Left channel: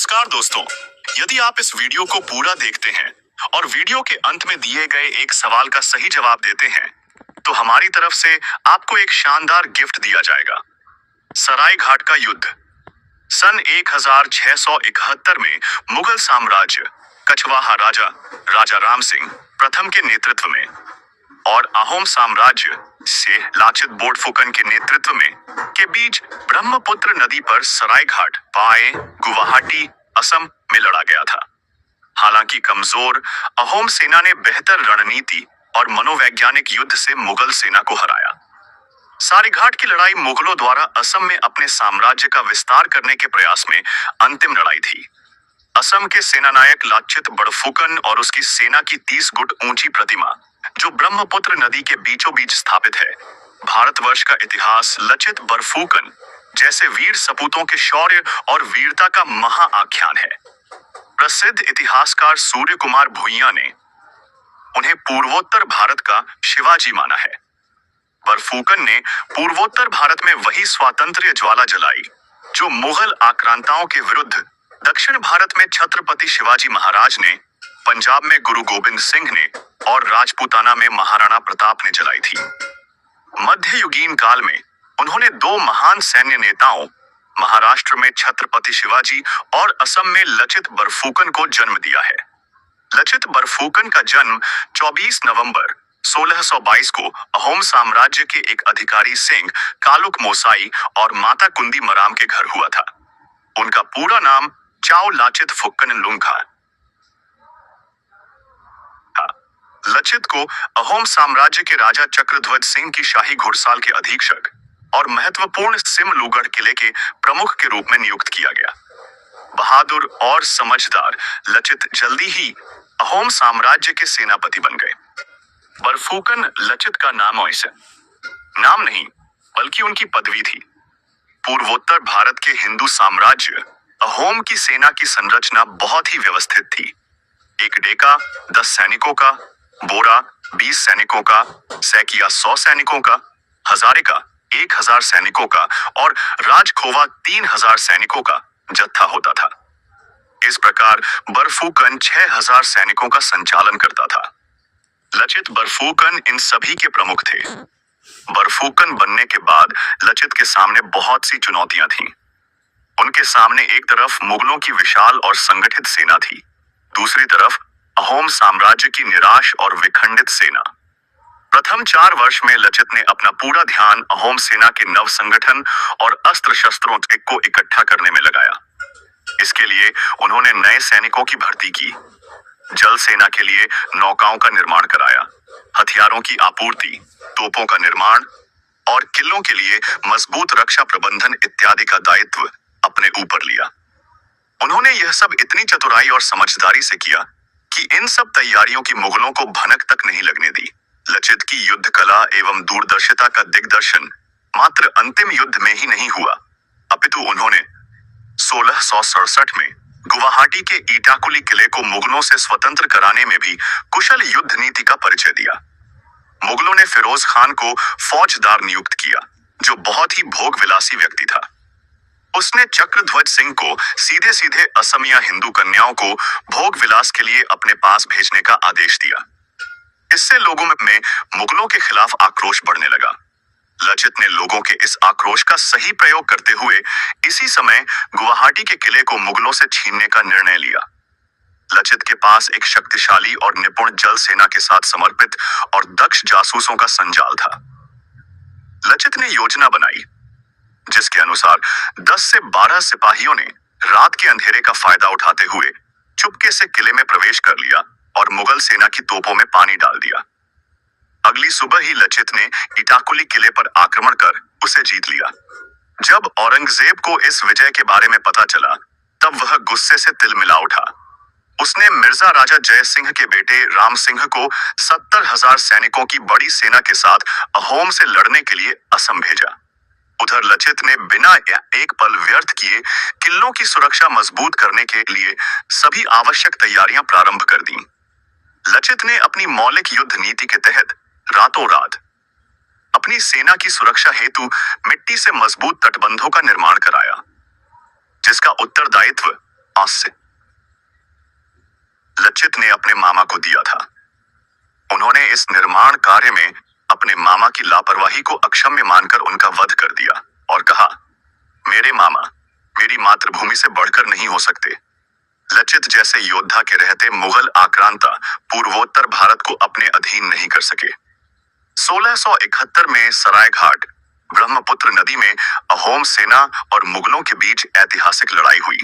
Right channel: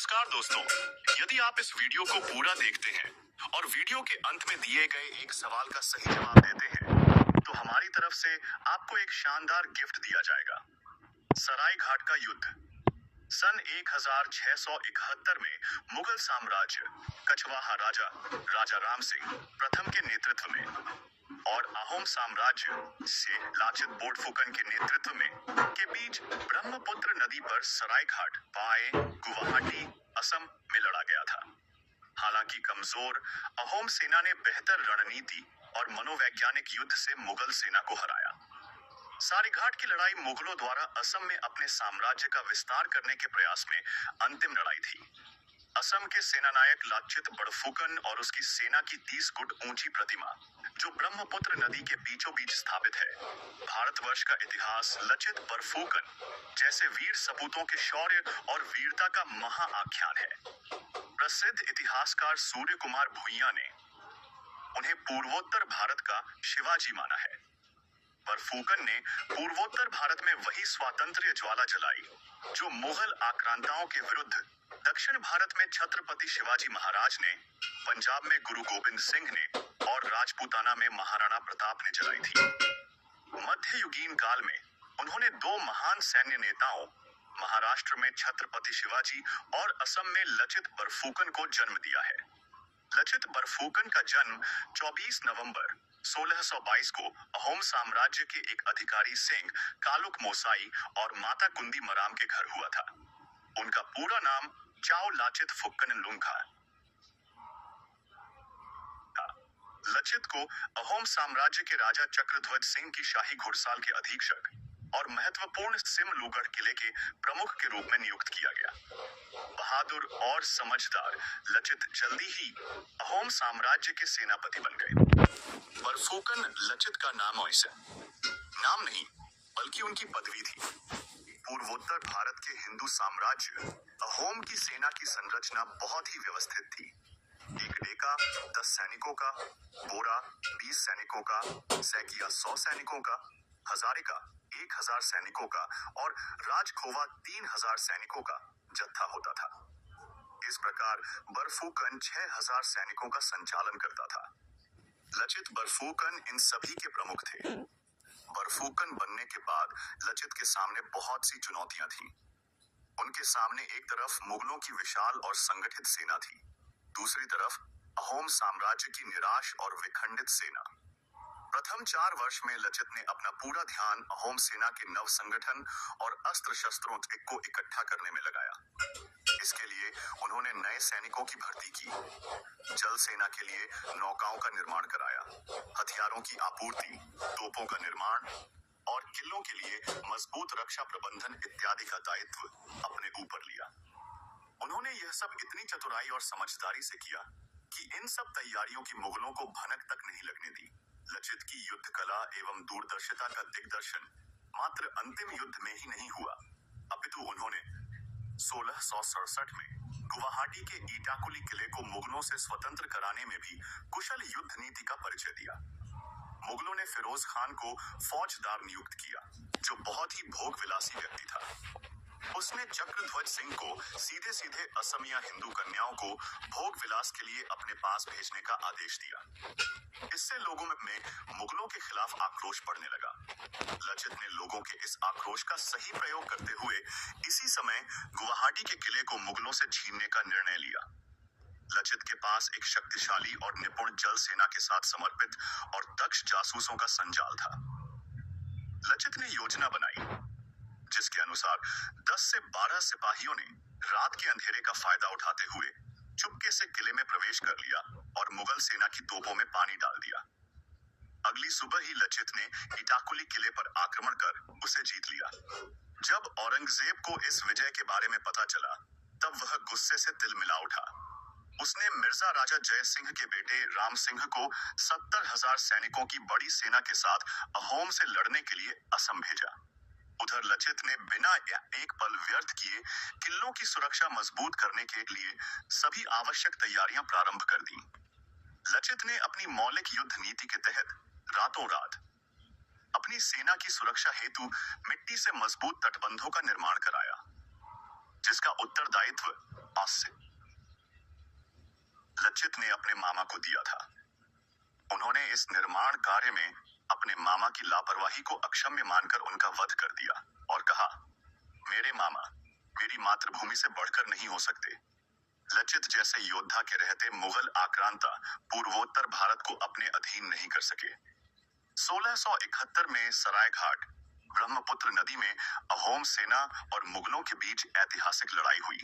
नमस्कार दोस्तों, यदि आप इस वीडियो को पूरा देखते हैं और वीडियो के अंत में दिए गए एक सवाल का सही जवाब देते हैं, तो हमारी तरफ से आपको एक शानदार गिफ्ट दिया जाएगा। सराय घाट का युद्ध सन 1671 में मुगल साम्राज्य कछवाहा राजा राजा राम सिंह प्रथम के नेतृत्व में और अहोम साम्राज्य से लाचित बोर्डफुकन के नेतृत्व में के बीच ब्रह्मपुत्र नदी पर सराय घाट पाए गुवाहाटी असम में लड़ा गया था। हालांकि कमजोर अहोम सेना ने बेहतर रणनीति और मनोवैज्ञानिक युद्ध से मुगल सेना को हराया। सरायघाट की लड़ाई मुगलों द्वारा असम में अपने साम्राज्य का विस्तार करने के प्रयास में अंतिम लड़ाई थी। असम के सेनानायक लाचित बड़फुकन और उसकी सेना की 30 गुट ऊंची प्रतिमा जो ब्रह्मपुत्र नदी के बीचों बीच स्थापित है। भारतवर्ष का इतिहास लचित बड़फुकन जैसे वीर सपूतों के शौर्य और वीरता का महाआख्यान है। प्रसिद्ध इतिहासकार सूर्य कुमार भुइयां ने उन्हें पूर्वोत्तर भारत का शिवाजी माना है। बड़फुकन ने पूर्वोत्तर भारत में वही स्वातंत्र्य ज्वाला जलाई जो मुगल आक्रांताओं के विरुद्ध दक्षिण भारत में छत्रपति शिवाजी महाराज ने, पंजाब में गुरु गोबिंद सिंह ने और राजपूताना में महाराणा प्रताप ने जलाई थी। मध्ययुगीन काल में उन्होंने दो महान सैन्य नेताओं, महाराष्ट्र में छत्रपति शिवाजी और असम में लचित बड़फुकन को जन्म दिया है। लचित बड़फुकन का जन्म 24 नवंबर 1622 को अहोम साम्राज्य के एक अधिकारी सिंह कालुक मोसाई और माता कुंदी मराम के घर हुआ था। उनका पूरा नाम चाओ लाचित फुक्कन लुंगा। लचित को अहोम साम्राज्य के राजा चक्रध्वज सिंह की शाही घुड़साल के अधीक्षक और महत्वपूर्ण सिमलुगढ़ किले के प्रमुख के रूप में नियुक्त किया गया। बहादुर और समझदार लचित जल्दी ही अहोम साम्राज्य के सेनापति बन गए। बड़फुकन लचित का नाम नहीं बल्कि उनकी पदवी थी। पूर्वोत्तर भारत के हिंदू साम्राज्य अहोम की सेना की संरचना बहुत ही व्यवस्थित थी। एक डेका 10 सैनिकों का, बोरा 20 सैनिकों का, सैकिया 100 सैनिकों का, हजारे का 1000 सैनिकों का और राजखोवा 3000 सैनिकों का जत्था होता था। इस प्रकार बड़फुकन 6000 सैनिकों का संचालन करता था। लचित बड़फुकन इन सभी के प्रमुख थे। बड़फुकन बनने के बाद लचित के सामने बहुत सी चुनौतियां थीं। उनके सामने एक तरफ मुगलों की विशाल और संगठित सेना थी, दूसरी तरफ अहोम साम्राज्य की निराश और विखंडित सेना। प्रथम 4 वर्ष में लचित ने अपना पूरा ध्यान अहोम सेना के नव संगठन और अस्त्र शस्त्रों को इकट्ठा करने में लगाया। इसके लिए उन्होंने नए सैनिकों की भर्ती की, जल सेना के लिए नौकाओं का निर्माण कराया, हथियारों की आपूर्ति, तोपों का निर्माण और किलों के लिए मजबूत रक्षा प्रबंधन इत्यादि का दायित्व अपने ऊपर लिया। उन्होंने यह सब इतनी चतुराई और समझदारी से किया कि इन सब तैयारियों की मुगलों को भनक तक नहीं लगने दी। लचित की युद्ध कला एवं दूरदर्शिता का दिग्दर्शन मात्र अंतिम युद्ध में ही नहीं हुआ, अपितु उन्होंने 1667 में गुवाहाटी के ईटाकुली किले को मुगलों से स्वतंत्र कराने में भी कुशल युद्ध नीति का परिचय दिया। मुगलों ने फिरोज खान को फौजदार नियुक्त किया, जो बहुत ही भोगविलासी व्यक्ति था। उसने चक्रध्वज सिंह को सीधे सीधे असमिया हिंदू कन्याओं को भोग विलास के लिए अपने पास भेजने का आदेश दिया। इससे लोगों में मुगलों के खिलाफ आक्रोश बढ़ने लगा। लचित ने लोगों के इस आक्रोश का सही प्रयोग करते हुए इसी समय गुवाहाटी के किले को मुगलों से छीनने का निर्णय लिया। लचित के पास एक शक्तिशाली और निपुण जल सेना के साथ समर्पित और दक्ष जासूसों का संजाल था। लचित ने योजना बनाई जिसके अनुसार 10 से 12 सिपाहियों ने रात के अंधेरे का फायदा उठाते हुए चुपके से किले में प्रवेश कर लिया और मुगल सेना की तोपों में पानी डाल दिया। अगली सुबह ही लचित ने ईटाकुली किले पर आक्रमण कर उसे जीत लिया। जब औरंगजेब को इस विजय के बारे में पता चला, तब वह गुस्से से तिलमिला उठा। उसने मिर्जा राजा जय सिंह के बेटे राम सिंह को 70,000 सैनिकों की बड़ी सेना के साथ अहोम से लड़ने के लिए असम भेजा। उधर लचित ने बिना एक पल व्यर्थ किए किलों की सुरक्षा मजबूत करने के लिए सभी आवश्यक तैयारियां प्रारंभ कर दी। लचित ने अपनी मौलिक युद्ध नीति के तहत रातों रात अपनी सेना की सुरक्षा हेतु मिट्टी से मजबूत तटबंधों का निर्माण कराया, जिसका उत्तरदायित्व से लचित ने अपने मामा को दिया था। उन्होंने इस निर्माण कार्य में अपने मामा की लापरवाही को अक्षम्य मानकर उनका वध कर दिया और कहा, मेरे मामा मेरी मातृभूमि से बढ़कर नहीं हो सकते। लचित जैसे योद्धा के रहते मुगल आक्रांता पूर्वोत्तर भारत को अपने अधीन नहीं कर सके। 1671 में सरायघाट ब्रह्मपुत्र नदी में अहोम सेना और मुगलों के बीच ऐतिहासिक लड़ाई हुई।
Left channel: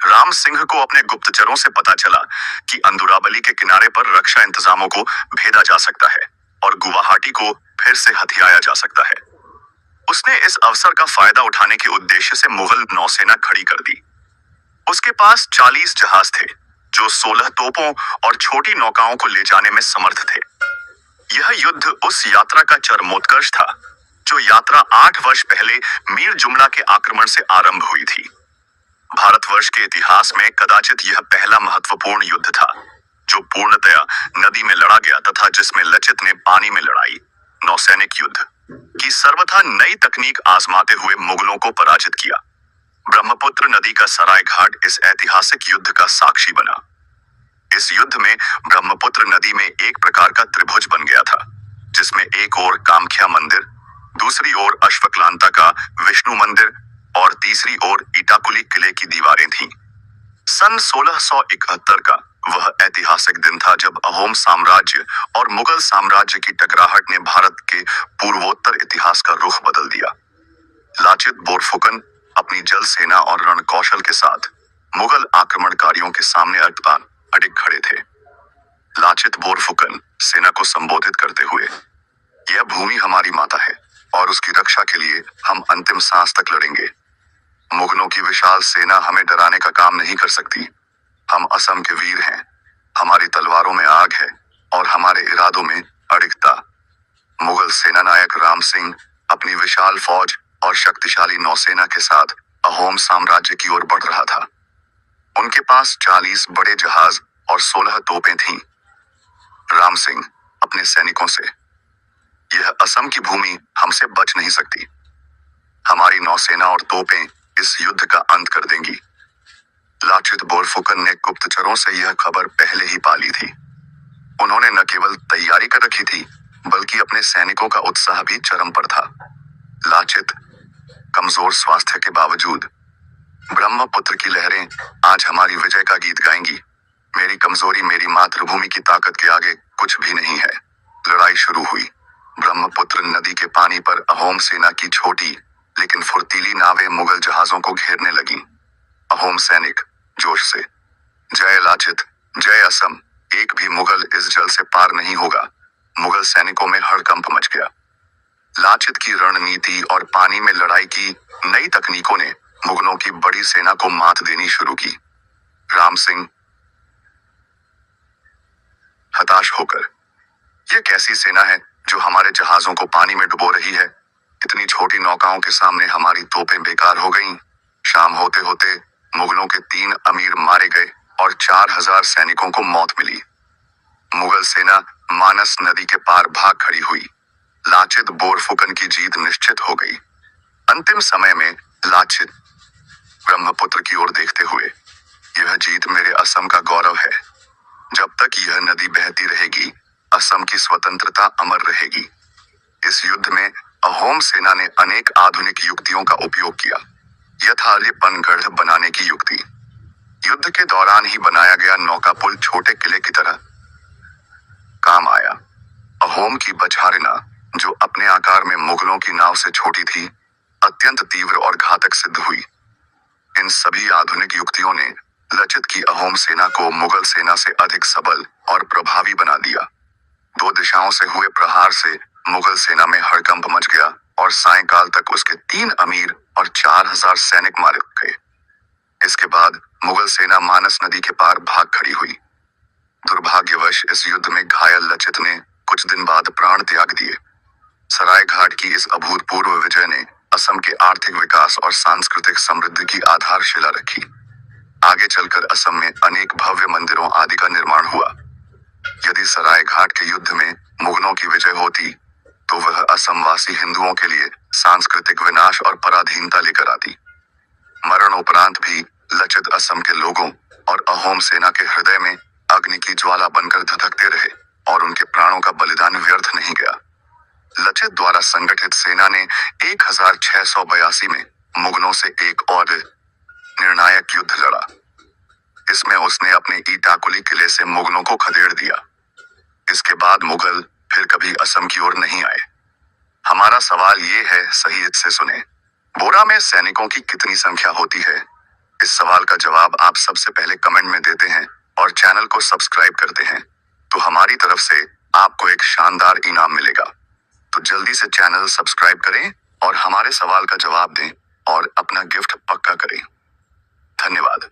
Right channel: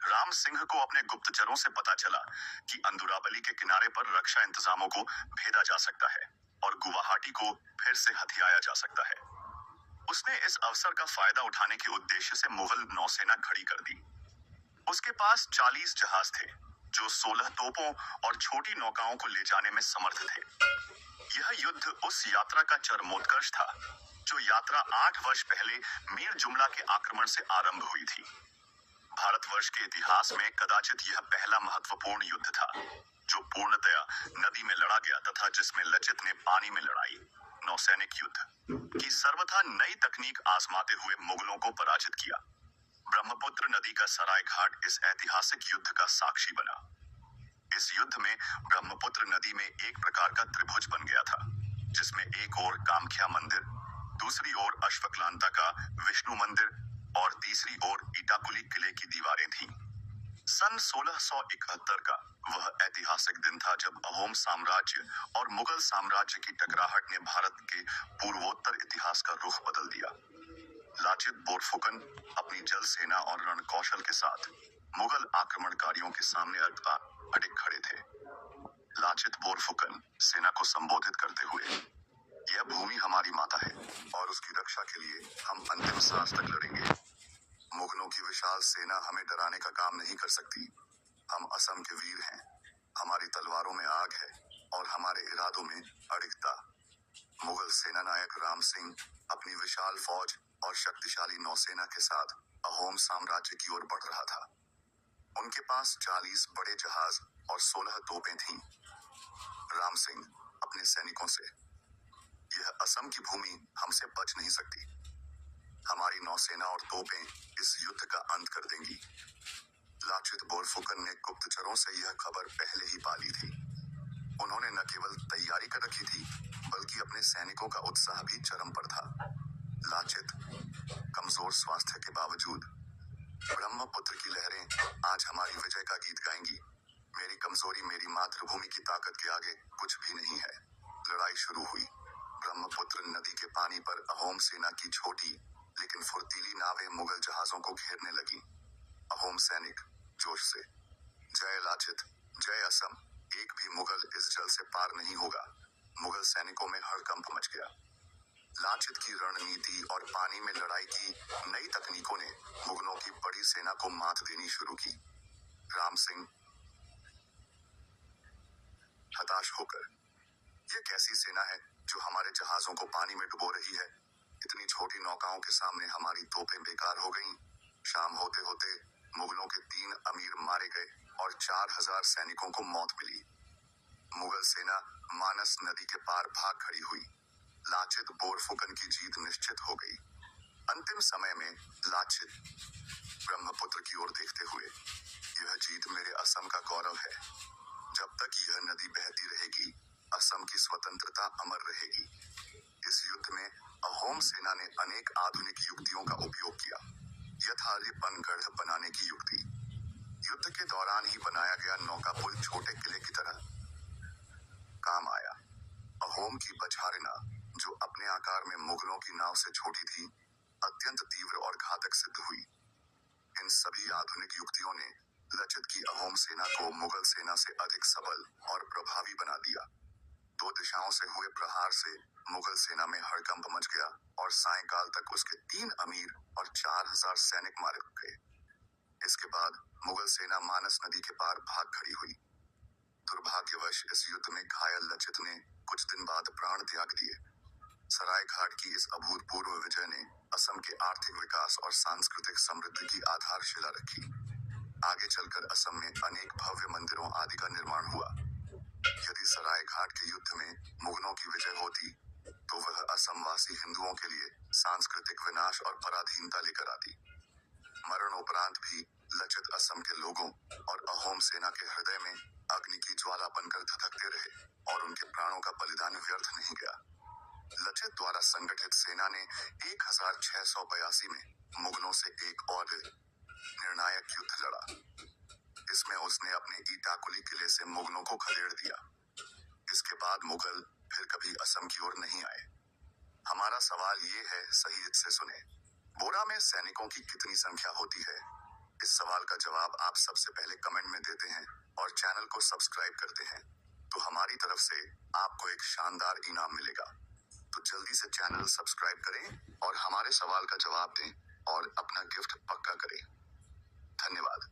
राम सिंह को अपने गुप्तचरों से पता चला कि अंदुराबली के किनारे पर रक्षा इंतजामों को भेदा जा सकता है और गुवाहाटी को फिर से हथियाया जा सकता है। उसने इस अवसर का फायदा उठाने के उद्देश्य से मुगल नौसेना खड़ी कर दी। उसके पास 40 जहाज थे जो 16 तोपों और छोटी नौकाओं को ले जाने में समर्थ थे। यह युद्ध उस यात्रा का चरमोत्कर्ष था जो यात्रा 8 वर्ष पहले मीर जुमला के आक्रमण से आरंभ हुई थी। भारतवर्ष के इतिहास में कदाचित यह पहला महत्वपूर्ण युद्ध था जो पूर्णतया नदी में लड़ा गया तथा जिसमें लचित ने पानी में लड़ाई नौसैनिक युद्ध की सर्वथा नई तकनीक आजमाते हुए मुगलों को पराजित किया। ब्रह्मपुत्र नदी का सरायघाट इस ऐतिहासिक युद्ध का साक्षी बना। इस युद्ध में ब्रह्मपुत्र नदी में एक प्रकार का त्रिभुज बन गया था जिसमें एक ओर कामख्या मंदिर, दूसरी ओर अश्वक्लांता का विष्णु मंदिर और तीसरी ओर इटाकुली किले की दीवारें थीं। सन 1671 का वह ऐतिहासिक दिन था जब अहोम साम्राज्य और मुगल साम्राज्य की टकराहट ने भारत के पूर्वोत्तर इतिहास का रुख बदल दिया। लाचित बोरफुकन अपनी जल सेना और रण कौशल के साथ मुगल आक्रमणकारियों के सामने अडिग खड़े थे। लाचित बोरफुकन सेना को संबोधित करते हुए, यह भूमि हमारी माता है और उसकी रक्षा के लिए हम अंतिम सांस तक लड़ेंगे। मुगलों की विशाल सेना हमें डराने का काम नहीं कर सकती। हम असम के वीर हैं, हमारी तलवारों में आग है और हमारे इरादों में अडिगता। मुगल सेनानायक राम सिंह अपनी विशाल फौज और शक्तिशाली नौसेना के साथ अहोम साम्राज्य की ओर बढ़ रहा था। उनके पास 40 बड़े जहाज और 16 तोपें थीं। राम सिंह अपने सैनिकों से, यह असम की भूमि हमसे बच नहीं सकती। हमारी नौसेना और तोपें इस युद्ध का अंत कर देंगी। लाचित बोरफुकन ने गुप्तचरों से यह खबर पहले ही पाली थी। उन्होंने न केवल तैयारी कर रखी थी बल्कि अपने सैनिकों का उत्साह भी चरम पर था। लाचित कमजोर स्वास्थ्य के बावजूद, ब्रह्मपुत्र की लहरें आज हमारी विजय का गीत गाएंगी। मेरी कमजोरी मेरी मातृभूमि की ताकत के आगे कुछ भी नहीं है। लड़ाई शुरू हुई। ब्रह्मपुत्र नदी के पानी पर अहोम सेना की छोटी लेकिन फुर्तीली नावें मुगल जहाजों को घेरने लगीं। अहोम सैनिक जोश से, जय लाचित, जय असम, एक भी मुगल इस जल से पार नहीं होगा। मुगल सैनिकों में हड़कंप मच गया। लाचित की रणनीति और पानी में लड़ाई की नई तकनीकों ने मुगलों की बड़ी सेना को मात देनी शुरू की। राम सिंह हताश होकर, यह कैसी सेना है जो हमारे जहाजों को पानी में डुबो रही है? इतनी छोटी नौकाओं के सामने हमारी तोपें बेकार हो गईं। शाम होते होते मुगलों के 3 अमीर मारे गए और 4000 सैनिकों को मौत मिली। मुगल सेना मानस नदी के पार भाग खड़ी हुई। लाचित बोरफुकन की जीत निश्चित हो गई। अंतिम समय में लाचित ब्रह्मपुत्र की ओर देखते हुए, यह जीत मेरे असम का गौरव है। जब तक यह नदी बहती रहेगी, असम की स्वतंत्रता अमर रहेगी। इस युद्ध में अहोम सेना ने अनेक आधुनिक युक्तियों का उपयोग किया। यथार्यपन गढ़ बनाने की युक्ति, युद्ध के दौरान ही बनाया गया नौका पुल छोटे किले की तरह काम आया। अहोम की बछारिना, जो अपने आकार में मुगलों की नाव से छोटी थी, अत्यंत तीव्र और घातक सिद्ध हुई। इन सभी आधुनिक युक्तियों ने लचित की अहोम सेना को मुगल सेना से अधिक सबल और प्रभावी बना दिया। 2 दिशाओं से हुए प्रहार से मुगल सेना में हड़कंप मच गया और सायंकाल तक उसके 3 अमीर और 4000 सैनिक मारे गए। इसके बाद मुगल सेना मानस नदी के पार भाग खड़ी हुई। दुर्भाग्यवश इस युद्ध में घायल लचित ने कुछ दिन बाद प्राण त्याग दिए। सरायघाट की इस अभूतपूर्व विजय ने असम के आर्थिक विकास और सांस्कृतिक समृद्धि की आधारशिला रखी। आगे चलकर असम में अनेक भव्य मंदिरों आदि का निर्माण हुआ। यदि सरायघाट के युद्ध में मुगलों की विजय होती तो वह असमवासी हिंदुओं के लिए सांस्कृतिक विनाश और पराधीनता लेकर आती। मरणोपरांत भी लचित असम के लोगों और अहोम सेना के हृदय में अग्नि की ज्वाला बनकर धधकते रहे और उनके प्राणों का बलिदान व्यर्थ नहीं गया। लचित द्वारा संगठित सेना ने 1682 में मुगलों से एक और निर्णायक युद्ध लड़ा। इसमें उसने अपने ईटाकुली किले से मुगलों को खदेड़ दिया। इसके बाद मुगल फिर कभी असम की ओर नहीं आए। हमारा सवाल ये है, सही से सुने, बोरा में सैनिकों की कितनी संख्या होती है? इस सवाल का जवाब आप सबसे पहले कमेंट में देते हैं और चैनल को सब्सक्राइब करते हैं तो हमारी तरफ से आपको एक शानदार इनाम मिलेगा। तो जल्दी से चैनल सब्सक्राइब करें और हमारे सवाल का जवाब दें और अपना गिफ्ट पक्का करें। धन्यवाद।